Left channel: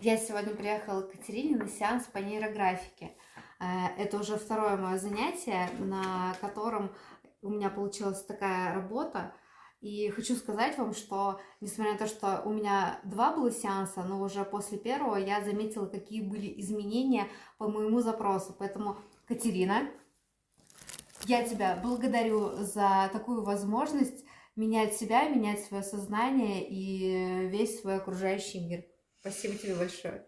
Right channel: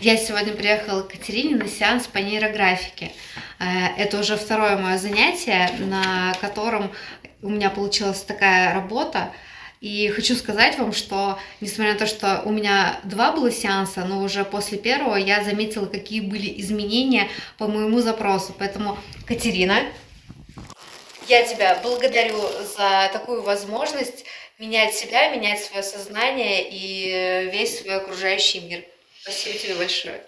Я сегодня приехала к Катерине на сеанс по нейрографике. Это уже второе мое занятие, на котором у меня получилась такая работа. И хочу сказать вам, что несмотря на то, что у меня два было сеанса, но уже после первого я заметила, какие были изменения по моему запросу. Поэтому, Катерина, я тебя благодарю за такую возможность менять себя, менять свое сознание и весь свой окружающий мир. Спасибо тебе большое.